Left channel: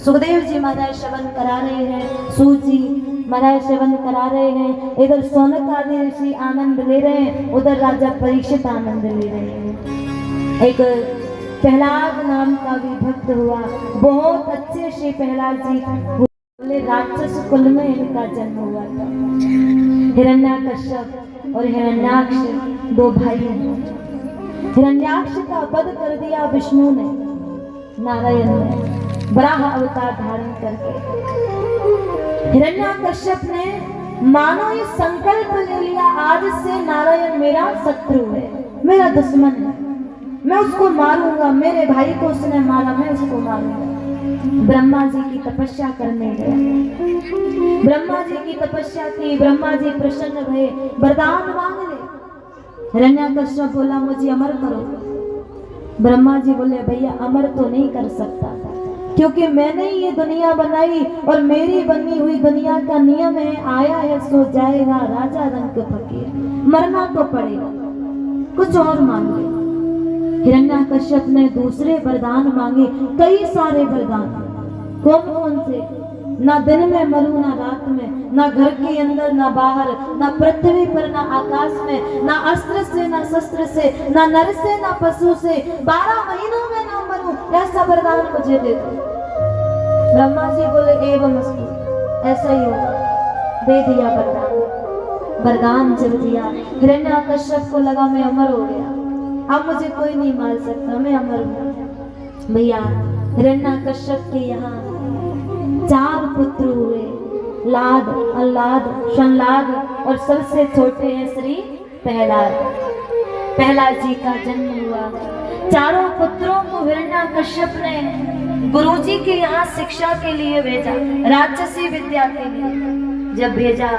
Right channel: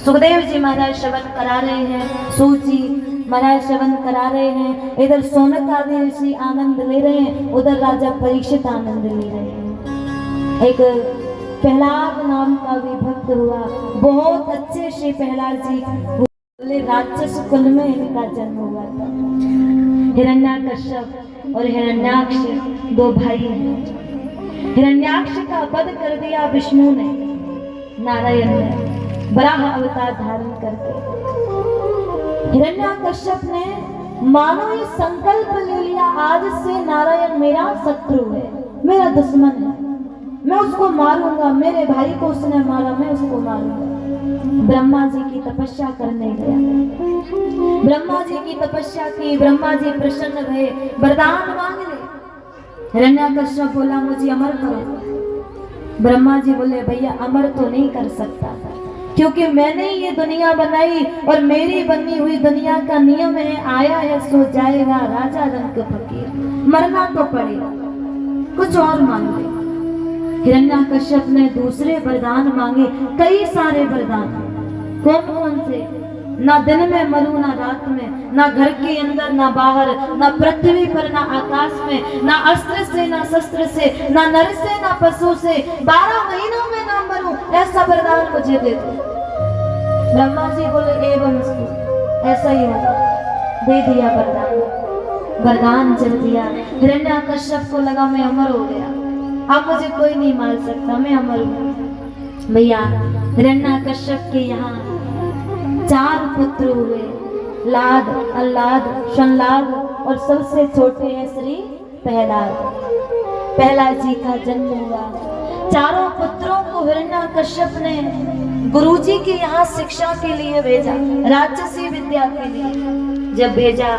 सुखदेव जी महाराज श्रवण करा रहे हैं, सूत जी महाराज श्रवण करा रहे हैं, इधर सौनक आदि ऋषि आनंद ले रहे हैं, उधर राजा परीक्षित आनंद ले रहे हैं। एक प्रहलाद नाम का भी भक्त हुआ, बहुत अच्छे श्री प्रहलाद जी बोले, राक्षस कुल में इनका जन्म हुआ था। हिरण्याकश्यप और हिरण्याक्ष दो भाई हैं। हिरण्याक्ष का वध कर दिया विष्णु ने, नारायण ने वराह अवतार धारण करके। हिरण्याकश्यप ने मानो ये संकल्प ले लिया, आज से नारायण मेरा शत्रु है, मेरा दुश्मन है, मैं उसको मारूंगा, मेरे भाई को उसने मारा, मैं उसको मारूंगा। ब्रह्मा जी की तपस्या करने गए, ब्रह्मा जी की तपस्या की, ब्रह्मा जी प्रसन्न भये, वरदान मांग ले। हिरण्याकश्यप बोला मुझे अमर करो। ब्रह्मा जी बोले भैया अमर तो नहीं कर सकता, क्योंकि मैंने ये दुनिया बनाई और मेरी बनी हुई दुनिया का नियम है, आया है सो जाएगा, राजा रंग फकीर, मरना तो पड़ेगा, कुछ और मांग ले। हिरण्याकश्यप ने दूसरे वरदान मांगे, कई सारे वरदान। कौन कौन से? ना दिन में मरूं ना रात में, ना घर के अंदर ना बाहर, ना पृथ्वी पर ना आकाश में, ना अस्त्र से ना शस्त्र से, ना नर से ना पशु से, 12 महीनों में ना मरूं, ऐसा वरदान मुझे दे दो। ब्रह्मा जी बोले एवं अस्तु, ऐसा ही होगा। दे दिया वरदान, वरदान जब दिया, हिरण्याकश्यप को लगा मैं अमर हो गया, अब मुझे कोई नहीं मार सकता, मैं अमर हूं। भैया हिरण्याकश्यप के यहाँ 4 पुत्र हुए, लाद, अल्लाद, शनलाद और सबसे छोटे हैं श्री प्रहलाद। प्रहलाद जी का जन्म हुआ। चारों पुत्रों को हिरण्याकश्यप ने गुरुजी के यहाँ शिक्षा के लिए भेजा, राक्षसी विद्या के लिए। जब भेजा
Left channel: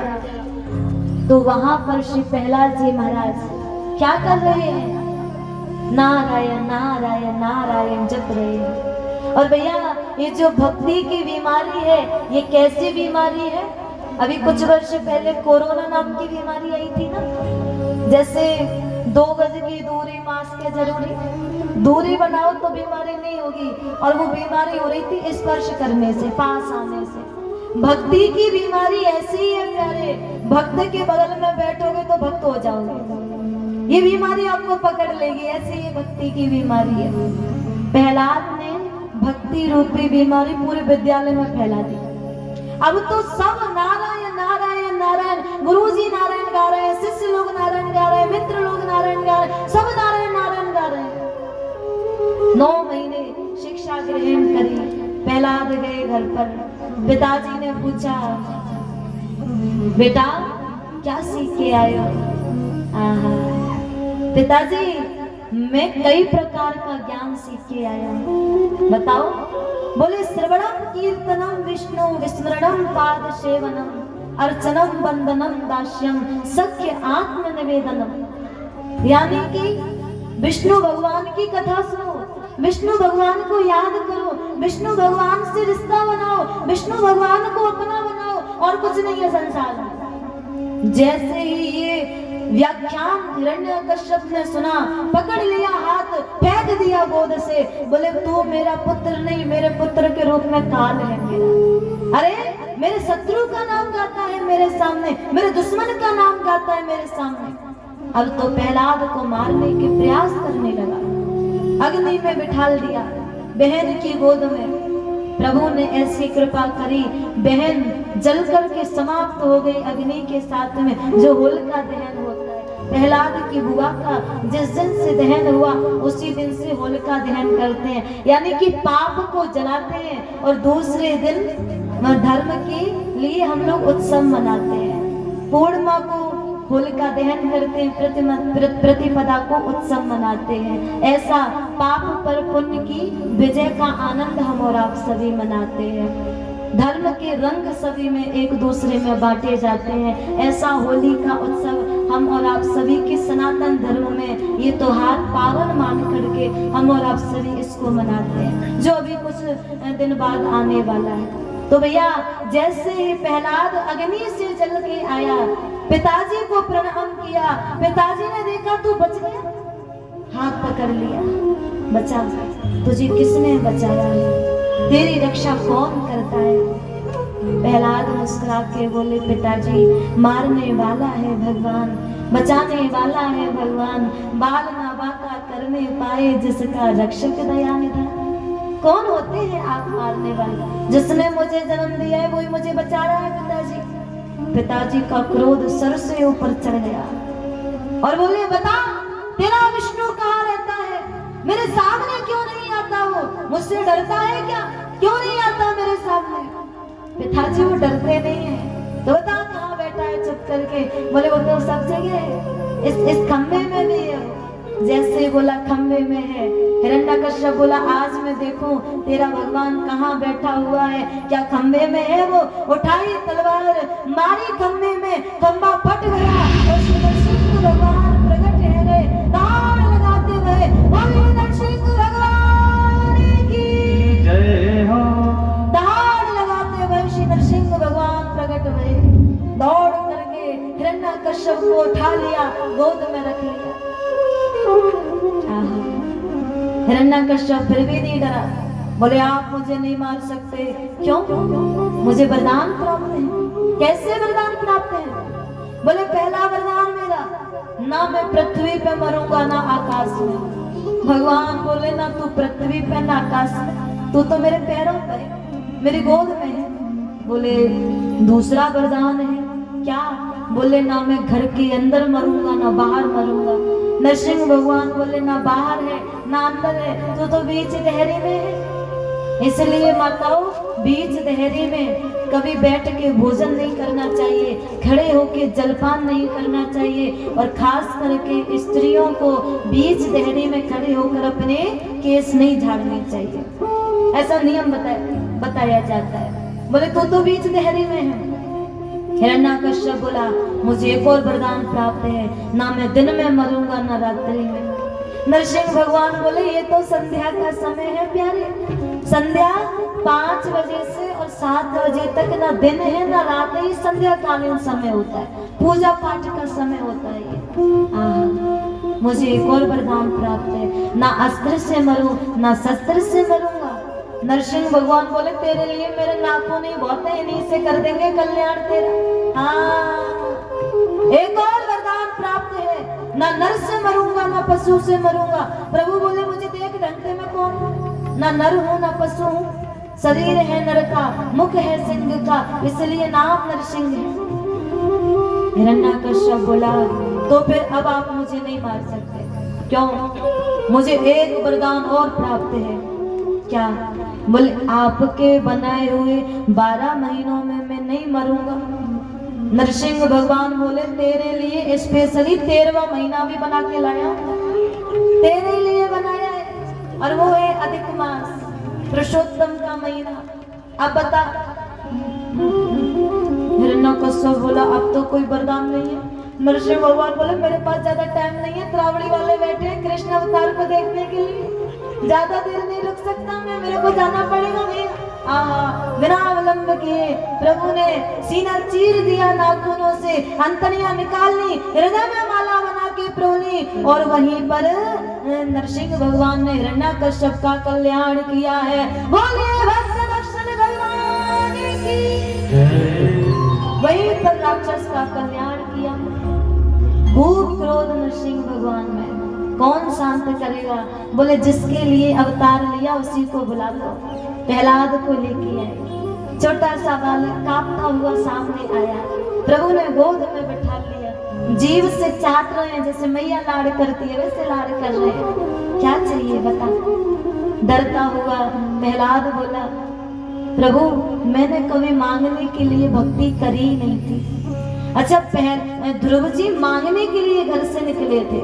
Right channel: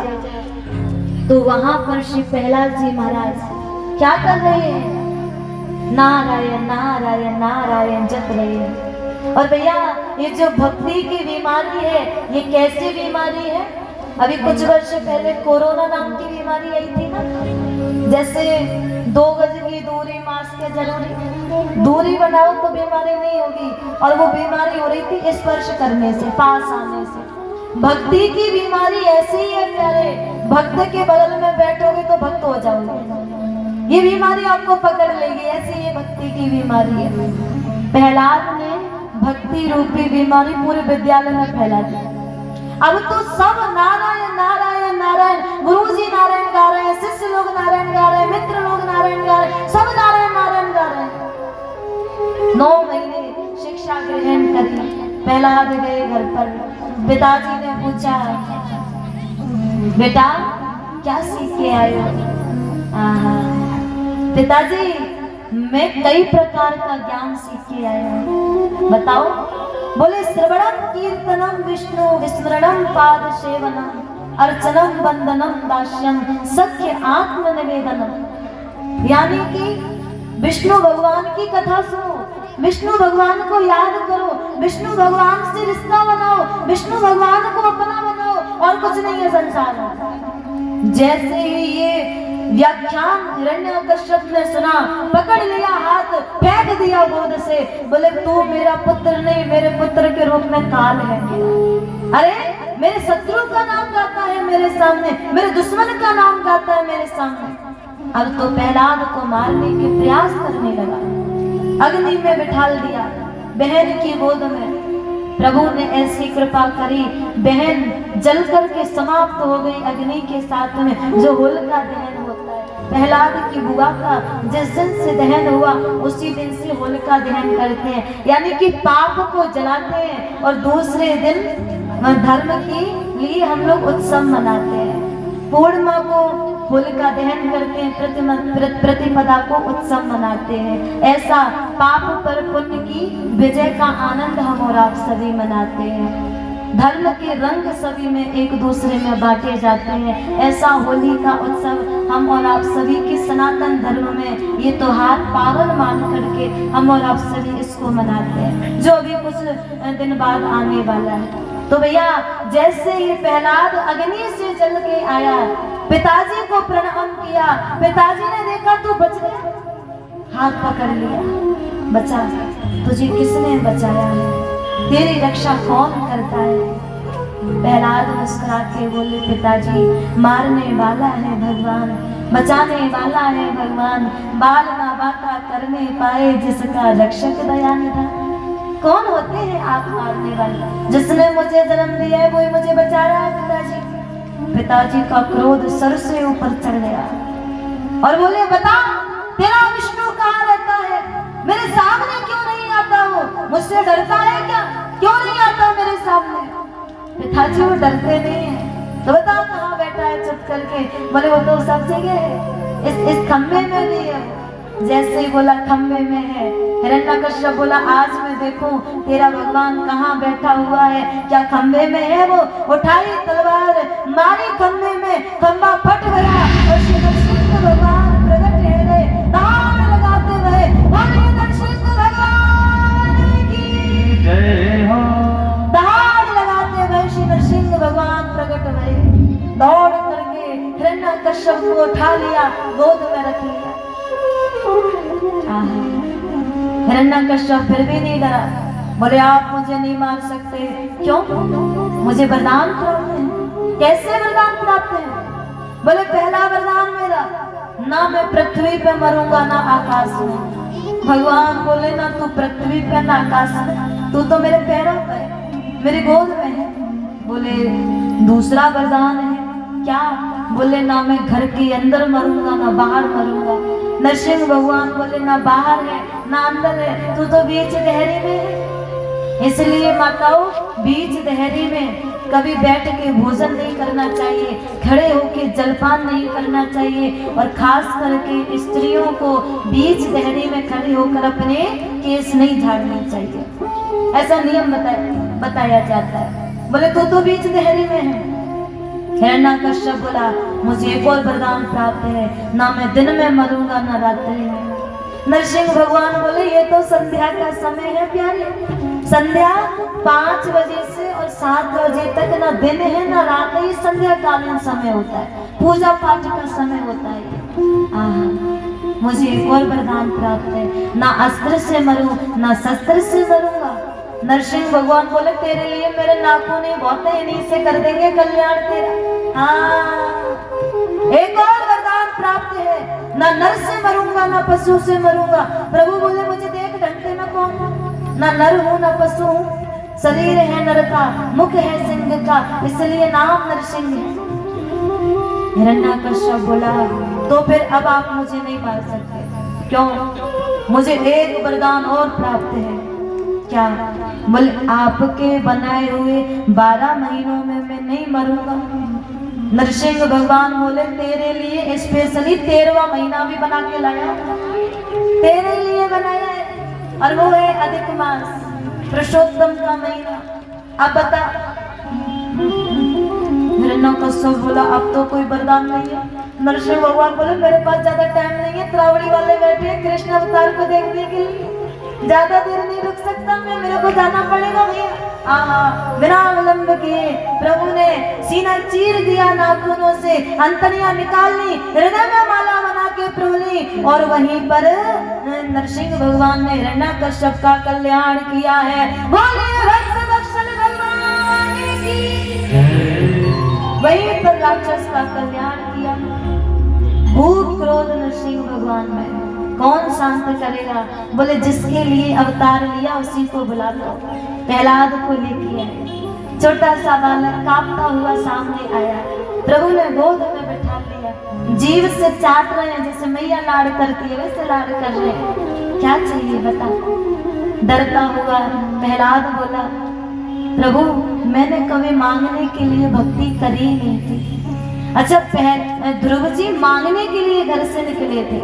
तो वहां पर श्री प्रहलाद जी महाराज क्या कर रहे हैं? नारायण नारायण नारायण जप रहे हैं। और भैया ये जो भक्ति की बीमारी है, ये कैसी बीमारी है? अभी कुछ वर्ष पहले कोरोना नाम की बीमारी आई थी ना, जैसे 2 गज की दूरी, मास्क है जरूरी, दूरी बनाओ तो बीमारी नहीं होगी, और वो बीमारी हो रही थी स्पर्श करने से, पास आने से। भक्ति की बीमारी ऐसी ही है प्यारे, भक्त के बगल में बैठोगे तो भक्त हो जाओगे, ये बीमारी आपको पकड़ लेगी, ऐसी ये भक्ति की बीमारी है। प्रहलाद ने भक्ति रूपी बीमारी पूरे विद्यालय में फैला दी। अब तो सब नारायण नारायण नारायण, गुरुजी नारायण गा रहे हैं, शिष्य लोग नारायण गा रहे हैं, मित्र लोग नारायण गा रहे हैं, सब नारायण नारायण गा रहे हैं। 9 महीने शिक्षा ग्रहण करी, प्रहलाद गए घर पर। पिताजी ने पूछा बेटा क्या सीख के आए हो? पिताजी मैं कई प्रकार का ज्ञान सीख के आया हूँ। बताओ? बोले श्रवणम कीर्तनम विष्णु विस्मरणम पाद सेवनम अर्चनम वंदनम दास्यम सख्य आत्म निवेदनम। यानी कि विष्णु भगवान की कथा सुनो, विष्णु भगवान को याद करो, विष्णु भगवान से रिश्ता बनाओ, विष्णु भगवान को अपना बनाओ, और कुछ नहीं है संसार में। जैसे ही ये व्याख्यान हिरण्याकश्यप ने सुना, पकड़ लिया हाथ, फेंक दिया गोद से, बोले तू मेरा पुत्र नहीं, मेरे पुत्र के रूप में काल है मेरा। अरे मेरे शत्रु का नाम गाता है मेरे सामने, मेरे दुश्मन का नाम गाता है मेरे सामने। अब तो प्रहलाद को मारने के प्रयास करने लगा, अग्नि में बिठाल दिया बहन की गोद में। प्रभु ने ऐसी कृपा करी, बहन जल करके समाप्त हो गई अग्नि के साथ में, जो होलिका दहन होता है। प्रहलाद की बुआ का जिस दिन से दहन हुआ उसी दिन से होलिका दहन करते हैं, यानी कि पाप को जलाते हैं, और दूसरे दिन धर्म के लिए हम लोग उत्सव मनाते हैं। पूर्णिमा को होलिका दहन करते हैं, प्रतिपदा को उत्सव मनाते हैं। ऐसा पाप पर पुण्य की विजय का आनंद हम और आप सभी मनाते हैं। धर्म के रंग सभी में एक दूसरे में बांटे जाते हैं। ऐसा होली का उत्सव हम और आप सभी के सनातन धर्म में ये त्योहार पावन मान करके हम और आप सभी इसको मनाते हैं, जो अभी कुछ दिन बाद आने वाला है। तो भैया जैसे ही प्रहलाद अग्नि से जल के आया, पिताजी को प्रणाम किया, पिताजी ने देखा तू बच गया, हाथ पकड़ लिया, बचा, तुझे किसने बचाया है? तेरी रक्षा कौन करता है? प्रहलाद मुस्कुरा के बोले, पिताजी मारने वाला है भगवान, बचाने वाला है भगवान, बाल ना बाका करने पाए जिसका रक्षक दया निधान। कौन होते हैं आप मारने वाले? जिसने मुझे जन्म दिया है वही मुझे बचाया है पिताजी। पिताजी का क्रोध सर से ऊपर चढ़ गया और बोले, बता तेरा विष्णु कहाँ रहता है? मेरे सामने क्यों नहीं आता? वो मुझसे डरता है क्या? क्यों नहीं आता मेरे सामने? पिताजी वो डरते नहीं है। तो बता कहाँ बैठा है चुप करके? बोले वो तो सब जगह है, इस खंबे में भी है। जैसे ही बोला खंबे में है, हिरण्यकश्यप बोला, आज मैं देखूं तेरा भगवान कहाँ बैठा हुआ है, क्या खंबे में है? वो उठाई तलवार, मारी खंबे में, खंबा फट गया और श्री नरसिंह भगवान प्रकट है रे, ताड़ लगाते हुए, बोले नरसिंह भगवान की जय हो। ताड़ लगाते हुए श्री नरसिंह भगवान प्रकट हुए, दौड़ करके हिरण्यकश्यप को उठा लिया, गोद में रख लिया। हिरण्यकश्यप फिर भी नहीं डरा। बोले, आप मुझे नहीं मार सकते। क्यों? मुझे वरदान प्राप्त है। कैसे वरदान प्राप्त है? बोले, पहला वरदान मेरा, ना मैं पृथ्वी पे मरूंगा ना आकाश में। भगवान बोले, ना तू पृथ्वी पे ना आकाश में, तू तो मेरे पैरों पे, मेरी गोद में है। बोले, दूसरा वरदान है क्या? बोले, ना मैं घर के अंदर मरूंगा ना बाहर मरूंगा। नरसिंह भगवान बोले, ना बाहर है ना अंदर है, तू तो बीच दहरी में है। इसलिए माताओं, बीच दहरी में कभी बैठ के भोजन नहीं करना चाहिए, खड़े होके जलपान नहीं करना चाहिए, और खास करके स्त्रियों को बीच दहरी में खड़े होकर अपने केस नहीं झाड़ने चाहिए, ऐसा नियम बताया जाता है। बोले, तो बीच दहरी में है। हिरण्यकश्यप बोला, मुझे एक और वरदान प्राप्त है, ना मैं दिन में मरूंगा ना रात्रि में। नरसिंह भगवान बोले, ये तो संध्या का समय है प्यारे, संध्या 5 बजे से और 7 बजे तक ना दिन है ना रात है, ये संध्या कालीन समय होता है, पूजा पाठ का समय होता है। मुझे एक और वरदान प्राप्त है, ना अस्त्र से मरूं ना शस्त्र से मरूंगा। नरसिंह भगवान बोले, तेरे लिए मेरे नाखून ही बहुत है, इन्हीं से कर देंगे कल्याण तेरा। हाँ, एक और वरदान प्राप्त है, ना नर से मरूंगा ना पशु से मरूंगा। प्रभु बोले, मुझे देख ढंगते में कौन, ना नर हूं ना पशु हूं, शरीर है नर का, मुख है सिंह का, इसलिए नाम नरसिंह है। हिरण्यकश्यप बोला, तो फिर अब आप मुझे नहीं मार सकते। क्यों? मुझे एक वरदान और प्राप्त है। क्या? बोले, आपके बनाए हुए 12 महीनों में मैं नहीं मरूंगा। नरसिंह भगवान बोले, तेरे लिए स्पेशली 13वां महीना भी बना के लाया, तेरे लिए बनाया है, और वो है अधिक मास, पुरुषोत्तम का महीना। अब बता। हिरण्यकश्यप बोला, अब तो कोई वरदान नहीं है। नरसिंह भगवान बोले, मेरे पास ज्यादा टाइम नहीं है, त्रावड़ी वाले बैठे कृष्ण अवतार को देखने के लिए, ज्यादा देर नहीं रुक सकता मैं, मेरे को जाना पड़ेगा भैया। बिना विलंब किए प्रभु ने सीना चीर दिया, नाखूनों से अंतड़ियां निकाल ली, हृदय में माला बना के प्रोली, और वहीं पर नरसिंह भगवान ने हिरण्यकश्यप का कल्याण किया है। बोले भक्त वत्सल भगवान की। वहीं पर राक्षस का कल्याण किया। भूख क्रोध नरसिंह भगवान में कौन शांत करेगा? बोले, जिसके लिए अवतार लिया उसी को बुला लो। प्रहलाद को लेके आए, छोटा सा बालक कांपता हुआ सामने आया, प्रभु ने गोद में बैठा लिया, जीभ से चाट रहे हैं, जैसे मैया लाड़ करती है वैसे लाड़ कर रहे हैं। क्या चाहिए बता? डरता हुआ प्रहलाद बोला, प्रभु मैंने कभी मांगने के लिए भक्ति करी नहीं थी। अच्छा, ध्रुव जी मांगने के लिए घर से निकले थे,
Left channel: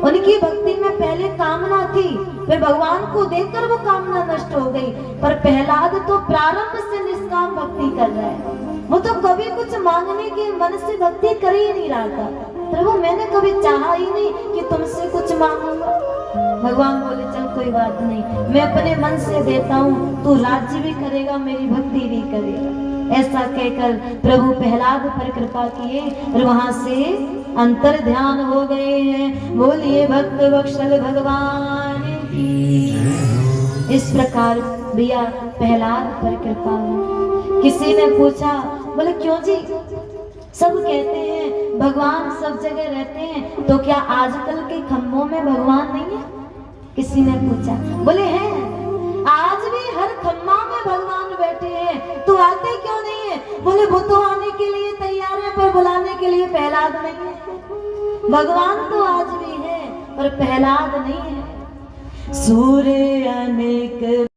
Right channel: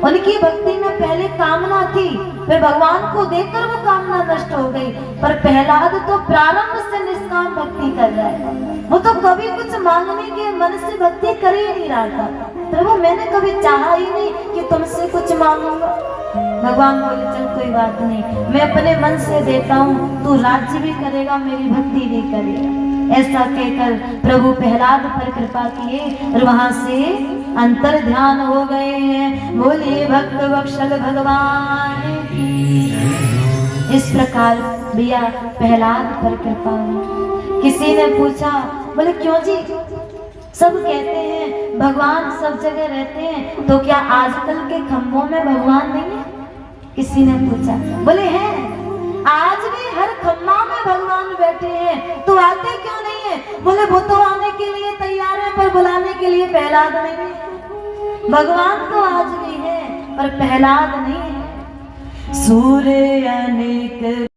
उनकी भक्ति में पहले कामना थी, फिर भगवान को देखकर वो कामना नष्ट हो गई। पर प्रहलाद तो प्रारंभ से निष्काम भक्ति कर रहा है, वो तो कभी कुछ मांगने के मन से भक्ति कर ही नहीं रहा था। प्रभु मैंने कभी चाहा ही नहीं कि तुमसे कुछ मांगूंगा। भगवान बोले, चल कोई बात नहीं, मैं अपने मन से देता हूँ, तू राज्य भी करेगा मेरी भक्ति भी करेगा। ऐसा कहकर प्रभु प्रहलाद पर कृपा किए और वहां से अंतर ध्यान हो गए हैं। बोलिए भक्त वत्सल भगवान की। इस प्रकार भैया प्रहलाद पर कृपा हुई। किसी ने पूछा, बोले क्यों जी, सब कहते हैं भगवान सब जगह रहते हैं, तो क्या आजकल के खम्भों में भगवान नहीं है? किसी ने पूछा, बोले हैं, आज भी हर खम्भा में भगवान बैठे हैं, तो आते क्यों नहीं है? बोले वो तो आने के लिए तैयार है, पर बुलाने के लिए प्रहलाद नहीं है। भगवान तो आज भी है, पर प्रहलाद नहीं है। सूर्य अनेक